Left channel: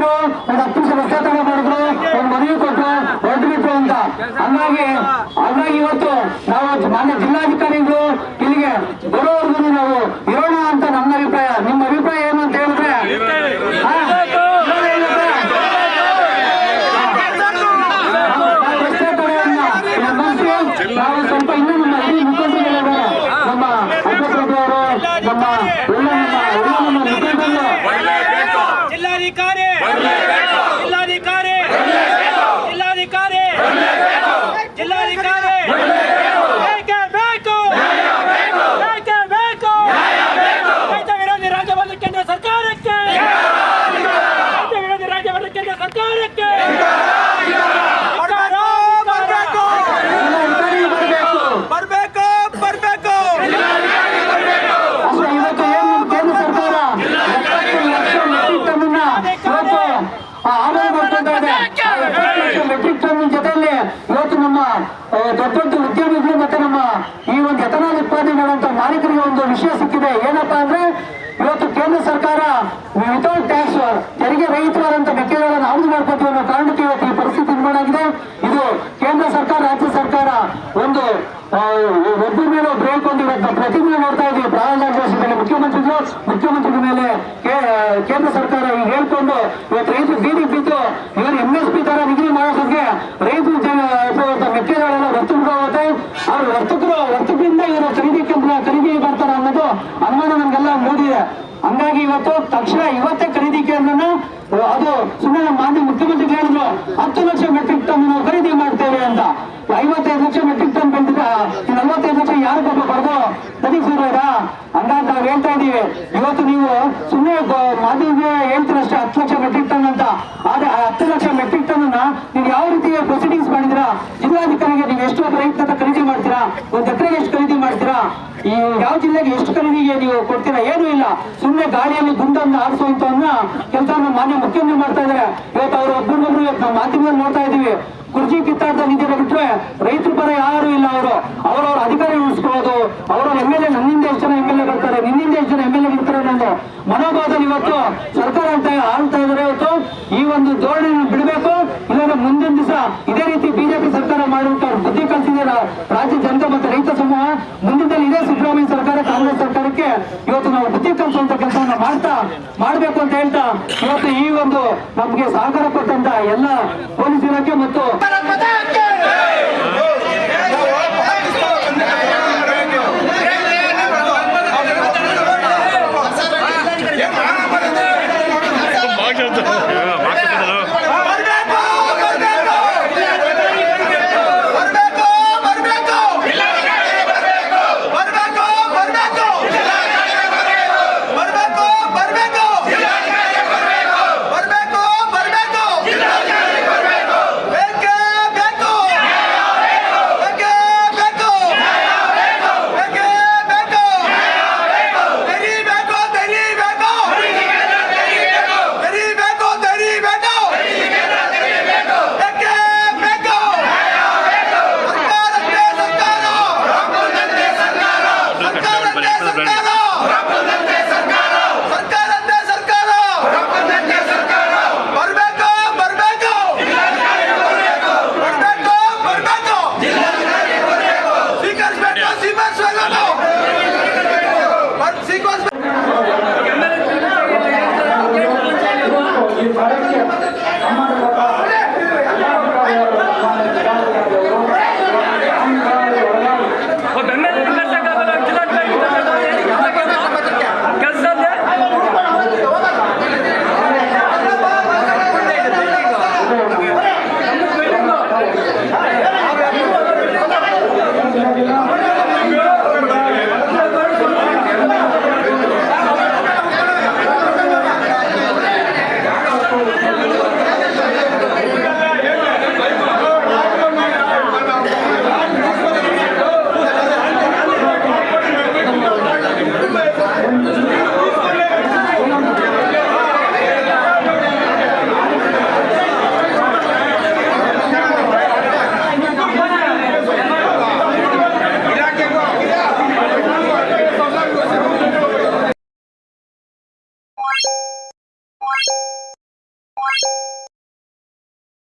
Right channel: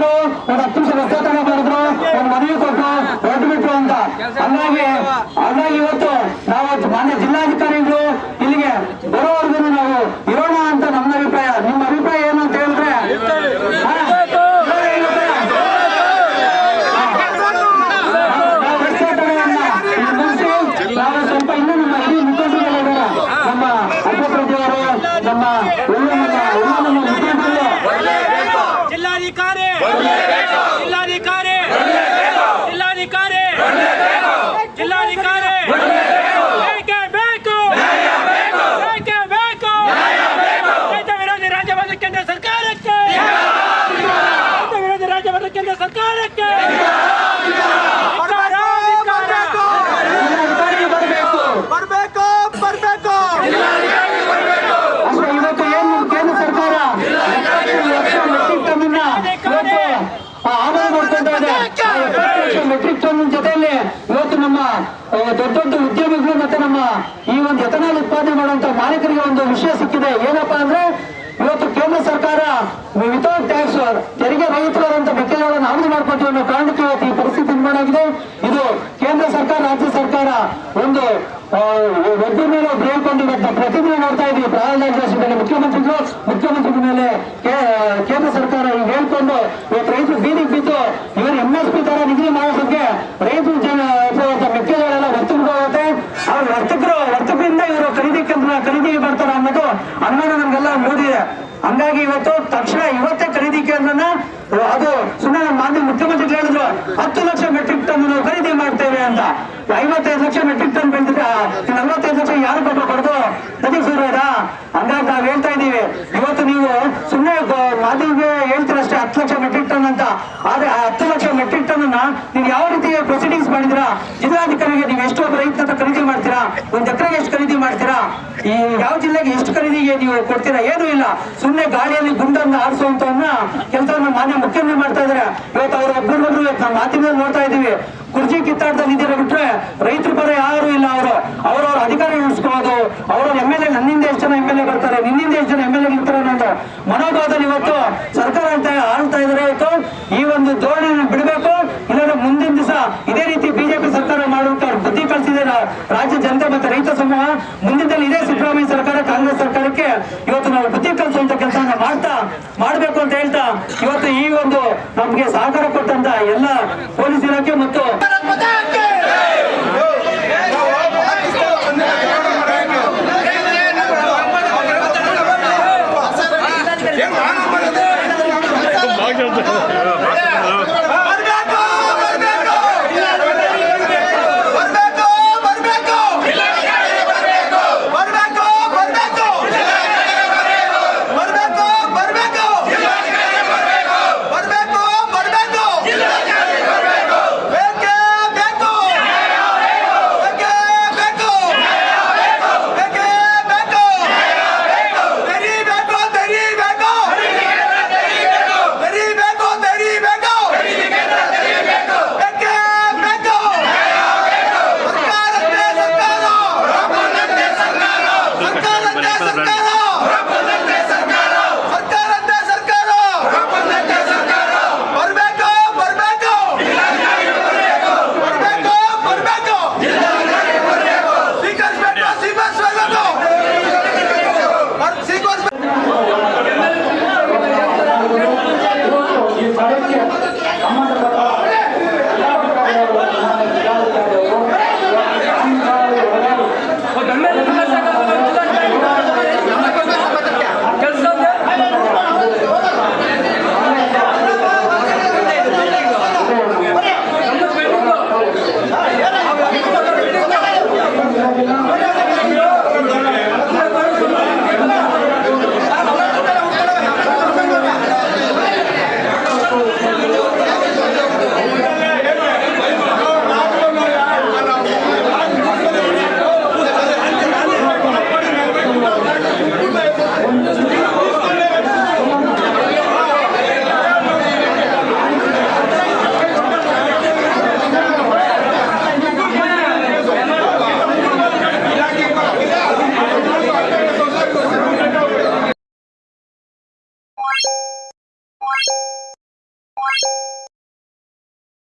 ಬಂದ್ರು, ಒಂದು 10 ನಿಮಿಷ ರಸ್ತೆ ತಗೊಂಡು ಮಾಡಿದ್ರು, ಒಂದು ಮನವಿ ಕೊಟ್ಟು ಹೊರಟು ಬಿಟ್ರು ಅಂತ. ಹಂಗಾಗಿ ಇವತ್ತು ನಾವು ಮಾನ್ಯ ಜಿಲ್ಲಾಧಿಕಾರಿಗಳು ಇಲ್ಲಿಗೆ ಬರೋವರೆಗೂ ನಾವು ಇರೋಣ ಅಂತ ನಮ್ಮ ಅಭಿಪ್ರಾಯ. ನಿಮ್ಮ ಅಭಿಪ್ರಾಯ ಏನು ಅಂತ ಹೇಳಿದ್ರೆ ನಾವು ಸ್ವಲ್ಪ ಇನ್ನೂ ನಮ್ಮ ಈ ಮುಖಂಡರು, ನಮ್ಮ ಅಧ್ಯಕ್ಷರು, ನಮ್ಮ ಮುಖಂಡರು, ಜಿಲ್ಲಾಧಿಕಾರಿ ಜಿಲ್ಲಾಧಿಕಾರಿ ಜಿಲ್ಲಾಧಿಕಾರಿ ಜಿಲ್ಲಾಧಿಕಾರಿ ಬೇಕೇ ಬೇಕು, ಬೇಕೇ ಬೇಕು. ರೈತ ವಿರೋಧಿ ರಾಜ್ಯವಾದ ಕೇಂದ್ರ ಸರ್ಕಾರಕ್ಕೆ, ರೈತ ವಿರೋಧಿ ರಾಜ್ಯವಾದ ಕೇಂದ್ರ ಸರ್ಕಾರಕ್ಕೆ ಬರಬೇಕು. ಇವತ್ತು ಏನು ಕೇಂದ್ರ ಸರ್ಕಾರ 70 ಲಕ್ಷ ಮೆಟ್ರಿಕ್ ಟನ್ ಇವತ್ತು ಆಮದು ಮಾಡ್ಕೊಳ್ತಾ ಇದೆ. 70 ಲಕ್ಷ ಮೆಟ್ರಿಕ್ ಟನ್ ಜೊತೆಯಲ್ಲಿ ಇವತ್ತು ನಮ್ಮ ದೊಡ್ಡ ದೊಡ್ಡ ಉದ್ಯಮಿಗಳು ಮತ್ತೆ ನಮ್ಮ ಈ ಒಂದು ಎಥನಾಲ್ ಉತ್ಪಾದನೆ ಮಾಡುವಂತ ಮಾಲೀಕರಿಗೆ ಒಂದು ವಿಷಯ ಸಿಕ್ಕಿದೆ. ಏನಪ್ಪಾ ಅಂದ್ರೆ ಇವತ್ತು ಕೇಂದ್ರ ಸರ್ಕಾರ ವಿತೌಟ್ ಟ್ಯಾಕ್ಸ್ ತೆರಿಗೆ ರಹಿತವಾದಂತ ಮೆಕ್ಕೆಜೋಳವನ್ನು ಆಮದು ಮಾಡ್ಕೊತೀವಿ ಅನ್ನೋ ಕಾರಣಕ್ಕೆ ಇವತ್ತು ಈ ಪರಿಸ್ಥಿತಿ ನಿರ್ಮಾಣ ಆಗಿದೆ. ಇದು ಕೇಂದ್ರ ಸರ್ಕಾರ, ರಾಜ್ಯ ಸರ್ಕಾರ ಒಂದು ಒಬ್ಬರ ಮೇಲೆ ಒಬ್ರು ಹೇಳ್ಕೊಂಡು ಇವತ್ತು ಪ್ರತಿದಿನ ನೋಡ್ತಾ ಇದೀವಿ. ಪ್ರಹ್ಲಾದ್ ಮೇಲೆ ಮುಖ್ಯಮಂತ್ರಿಗಳ ಮೇಲೆ ಕೇಂದ್ರ ಸರ್ಕಾರ ಈಗ ಹೇಳ್ಕೊಂಡು ಇವತ್ತು ರೈತರು ಬೀದಿಗೆ ಬಿದ್ದು ಇವರು MSP ತರ ನಿಗದಿ ಮಾಡೋದಕ್ಕೆ ರೈತರು ಮೆಕ್ಕೆಜೋಳ ಎಲ್ಲ ವರ್ತಕರು ಹೋಗುತ್ತೆ. ಅವ್ರ ವರ್ತಕರಿಂದ ಇವರು ಖರೀದಿ ಬರ್ತಾರ ಅನ್ನೋದು ಅನುಮಾನ ನಮ್ಗೆಲ್ಲ ಮೂಡಿದೆ. ಹಂಗಾಗಿ ಇವತ್ತು ತಕ್ಷಣ ಇವತ್ತೇ ಖರೀದಿ ಕೇಂದ್ರನ ಅದು ಸುಮ್ಮನೆ ನಮ್ಮ ಮಾನ್ಯ ಮುಖ್ಯಮಂತ್ರಿಗಳು ಹೇಳಿದ್ರು 10 ಲಕ್ಷ ಮೆಟ್ರಿಕ್ ಟನ್ ನಾವು ಖರೀದಿ ಮಾಡ್ತೇವೆ ಅಂತ. 55 ಲಕ್ಷ ಮೆಟ್ರಿಕ್ ಟನ್ ಬೆಳೆದಿದ್ರೆ 45 ಲಕ್ಷ ಯಾರು ಪಾಪ ಬರೋದು ನದಿಗೆ ಶುರು ಆಯ್ತಾ? ಹಂಗಾಗಿ ನಾವು ಹೇಳ್ತಾ ಇದೀವಿ, ಇವತ್ತು ನೀವು ಸುಮ್ಮನೆ ಮಾಧ್ಯಮಿಗೆ ಹೇಳ್ತೀರಷ್ಟೇ 10 ಲಕ್ಷ ಮೆಟ್ರಿಕ್ ಟನ್ ಅಂತ. ಆದ್ರೆ 10 ಲಕ್ಷ ಮೆಟ್ರಿಕ್ ಟನ್ ಅನ್ನ ನೀವು ಯಾವ ರೀತಿ ಪ್ರೊಸೀಡಿಂಗ್ಸ್ ಮಾಡಿದಿರಾ? ಜಿಲ್ಲಾಧಿಕಾರಿಗೆ ನೀವು ಎಷ್ಟು ಒಬ್ಬ ರೈತ ಖರೀದಿ ಮಾಡ್ತೀರಾ? 1 ಎಕರೆಗೆ ಎಷ್ಟು ಖರೀದಿ ಮಾಡ್ತೀರಾ? ಈ ಯಾವ ಜಿಲ್ಲೆಗೆ ಎಷ್ಟು ಖರೀದಿಗೆ ನೀವು ಕೊಡ್ತೀರಾ? ಏನೂ ಇಲ್ಲ. ಸುಮ್ಮನೆ ಗಾಳಿಯಲ್ಲಿ ಗುಂಡನ್ನು ಆರಿಸುವಂತವನ್ನ ಕೆಲಸವನ್ನ ಮಾನ್ಯ ಮುಖ್ಯಮಂತ್ರಿ ಮಾಡ್ತಾ ಇದಾರೆ. ಇವತ್ತು ಅವರು ಒಬ್ಬರೊಬ್ರು ನಮ್ಮ ಮಾಧ್ಯಮದಲ್ಲಿ ನೋಡ್ತಾ ಇದೀವಿ. ಕುರ್ಚಿ ಕಿತ್ತಾಟದಲ್ಲಿ ಇದ್ದೀರ ಬಿಟ್ರೆ ರೈತರ ಪರ ಯಾರು ಇಲ್ಲ. ಅವರವ್ರ ಅಧಿಕಾರ ಉಳಿಸ್ಕೊಳ್ಳೋದು, ಅವರವ್ರ MLA ನನ್ನಿಂದ ಎಷ್ಟು ಜನ MLA ಬರ್ತಾರೆ, ನಿನ್ನಿಂದ ಎಷ್ಟು ಜನ MLA ಇರ್ತಾರೆ ಅನ್ನೋದು ಮನೋಭಾವದಲ್ಲಿ ಇವತ್ತು ಸರ್ಕಾರ ಆಳ್ತಾ ಇದಾರೆ. ಇವತ್ತು ಈ ಒಂದು ಧೋರಣೆಯನ್ನು ಬಿಡಬೇಕು. ಇಲ್ಲಾಂದ್ರೆ ಮುಂದಿನ ದಿವಸ ಇದೇ ರೀತಿ ಬಿಜೆಪಿ ಸರ್ಕಾರ ಮಾಡುವಂತ ಬುದ್ಧಿ ಕಲಿಸಿದೆ ರಾಜ್ಯ ಜನತೆ ಮತ್ತೆ ರೈತ ಸಮೂಹ. ಮುಂದಿನಲ್ಲಿ ಇದೇ ಸಿದ್ದರಾಮಯ್ಯ ಸರ್ಕಾರ, ಕಾಂಗ್ರೆಸ್ ಸರ್ಕಾರಕ್ಕೆ ಇವತ್ತು ನಾವು ಬುದ್ಧಿ ಕಲಿಸುವಂತ ಕೆಲಸವನ್ನ ಮಾಡಬೇಕು ಅಂತ ಹೇಳ್ತಾ ಇವತ್ತು ಈ ಒಂದು ನಮ್ಗೆ ಸಹಕಾರ ಕೊಟ್ಟಂತ ಎಲ್ಲ ಪೊಲೀಸ್ ಇಲಾಖೆ ಮತ್ತು ಭಾಗ್ಯ